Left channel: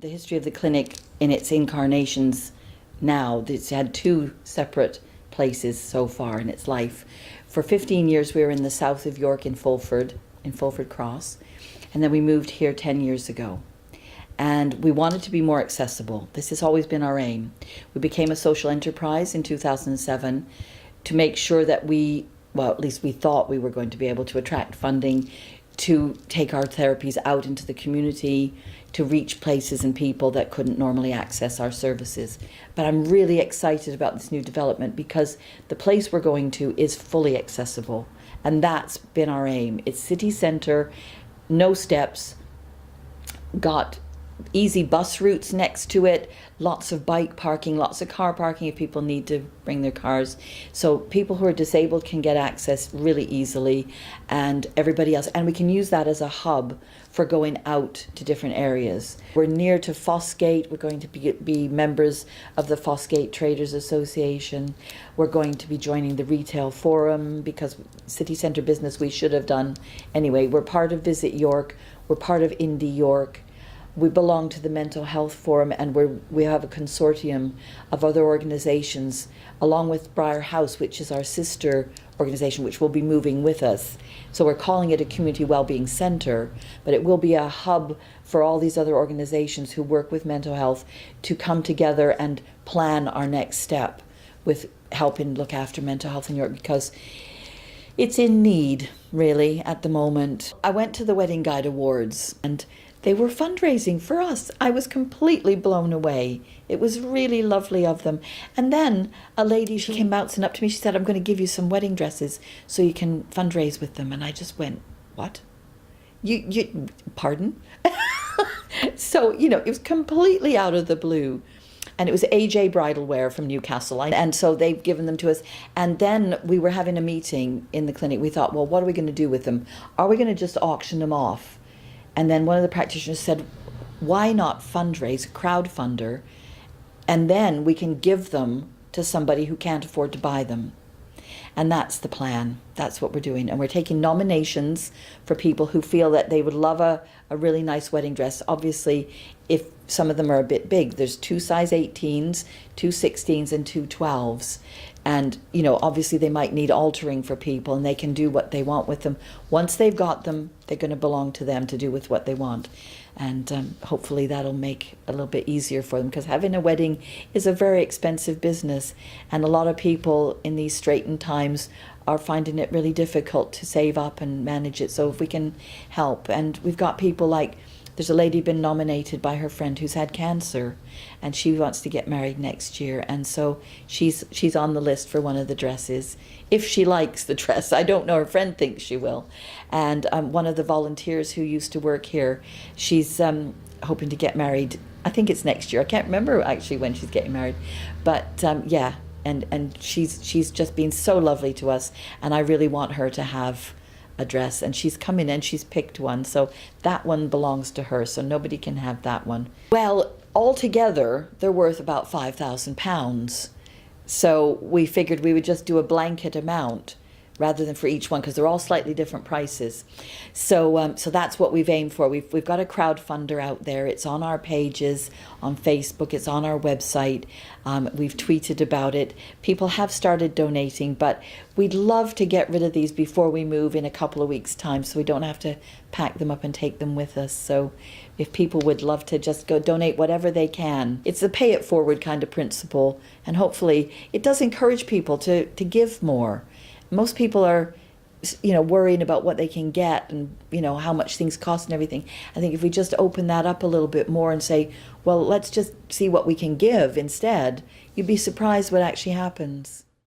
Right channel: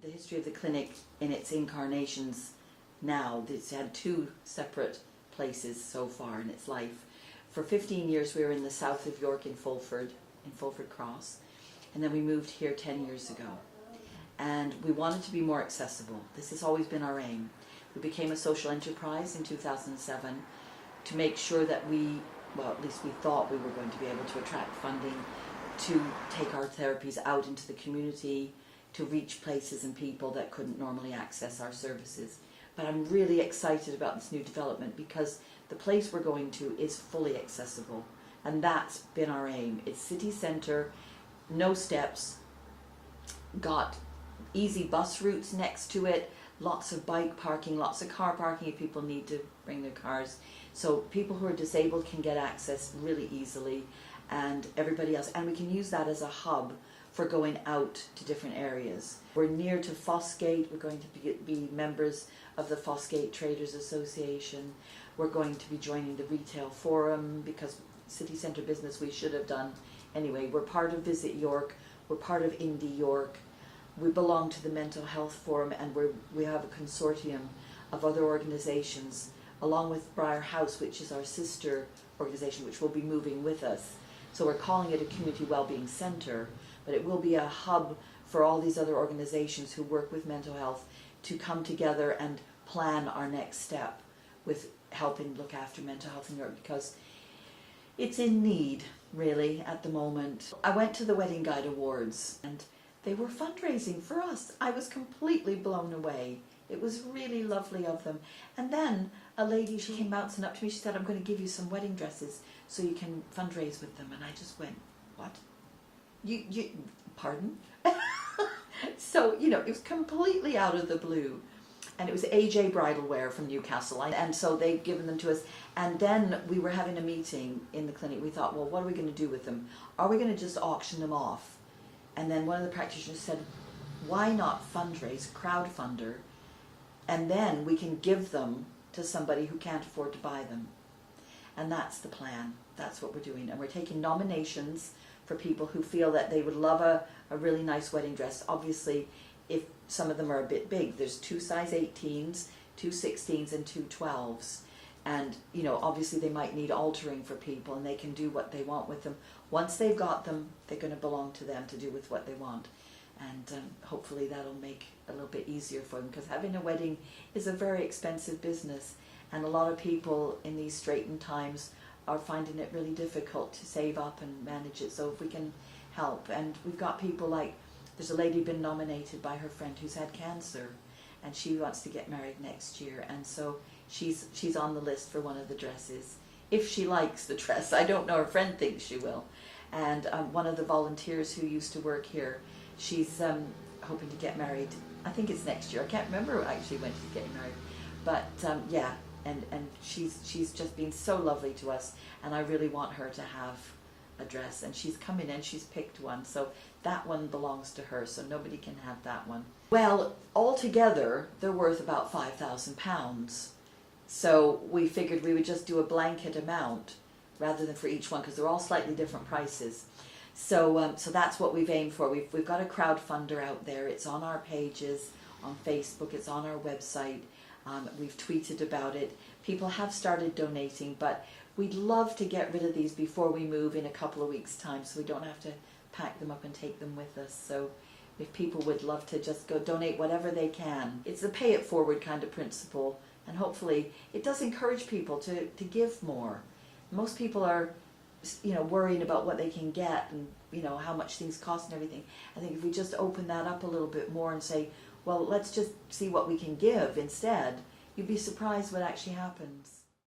the history of the clinic in its incarnations now. It's had two separate places so far in its life. For 15 years we were in the south of York in Fulford Cross, and then we moved here 10 years ago. And we wanted to be more accessible. This has always been our aim. We became a social enterprise in 2007 to make sure that at least we thought we were going to be able to attract funding to take our therapies out into the community, to reach places and people that couldn't normally access our services. But I'm really excited about this new development because the place we're going to is fully accessible, and that's been our aim. It's city centre, no steps, got easy bus routes next to it, lots of bike parking, lots of car parking if people need to bring their cars. So people who are disabled can get access really easily, and everybody else. And we can use that as a hub for going out to different areas. We're near to Fossgate. We're going to be members of the Fossgate Traders Association. We're going to be joining the Retail Forum because city centre business we should have done anyway. We're part of Visit York. We're part of Indie York. We belong to the Mental Health Forum, and we have a consortium of other organisations along with Briar House, which is our sister organisation, which will be moving with us. So we're calling it a community wellbeing centre, but it will be a hub for all these other organisations who work with mental health to come together and plan our next step with helping look after mental health in York, because it's in need really at the moment. I went to the Wedding Guide Awards and they were fundraising for us. I was completely blown away. It was really lovely of them. And then a lady, she came bouncing up to me. She said, I'm going to give you some wedding dresses so you can fundraise with them. And I just went, what? You pardon? So, it was completely out of the blue. And it was AJ Bridal Wear from Newcastle. And so they've given them to us. And then we were having a meeting in the clinic. We thought, well, what are we going to do with them? Are we going to just auction them off? And then one of the practitioners said, why not fundraise, crowdfunder, and then we can give them to somebody who can't afford to buy them. And that's the plan. That's what we're doing. And we're taking nominations for people who feel that they would love a really nice wedding dress. Obviously, if some of them are a bit big, there's 2 size 18s, 2 16s, and 2 12s. And, obviously they might need altering for people, and they can do what they want with them. Once they've got them, they're going to belong to them to do with what they want. And hopefully that'll make it a little bit easier for them, because having a wedding is a very expensive business. And a lot of people in these straitened times are finding it really difficult to save up and manage it. So if we can help, and we've got people like, there's a lady been nominated by her friend who's had cancer, and she wants to get married next year, and so she's on the list for one of the dresses. If she likes the dress, I don't know, her friend thinks she will. And one of the volunteers who used to work here, she's hoping to get married, I think it's next year. I can't remember actually when she's getting married, but yeah, and she's just been so lovely to us, and I really want her to have a dress, and she's come in and she's picked one, so that one belongs to her, so nobody can have that one. Well, altogether they're worth about £5,000, so we figured we would just do a blanket amount rather than for each one, because they're all slightly different prices. So so that's what we've aimed for. We've got a crowdfunder out there. It's on our pages on Facebook. It's on our website. We've tweeted about it. People have started donating, but we'd love to get rid of these before we move in a couple of weeks' time, so we don't have to pack them up and take them with us. So if people would love to just go donate whatever they can. It's a pay it forward kind of principle, and hopefully it does encourage people to give more. Most people are, worrying about what they can get and, how much things cost and everything. I think if we just open that up a little bit more and say, well, let's just see what we can give instead, you'd be surprised what actually happens.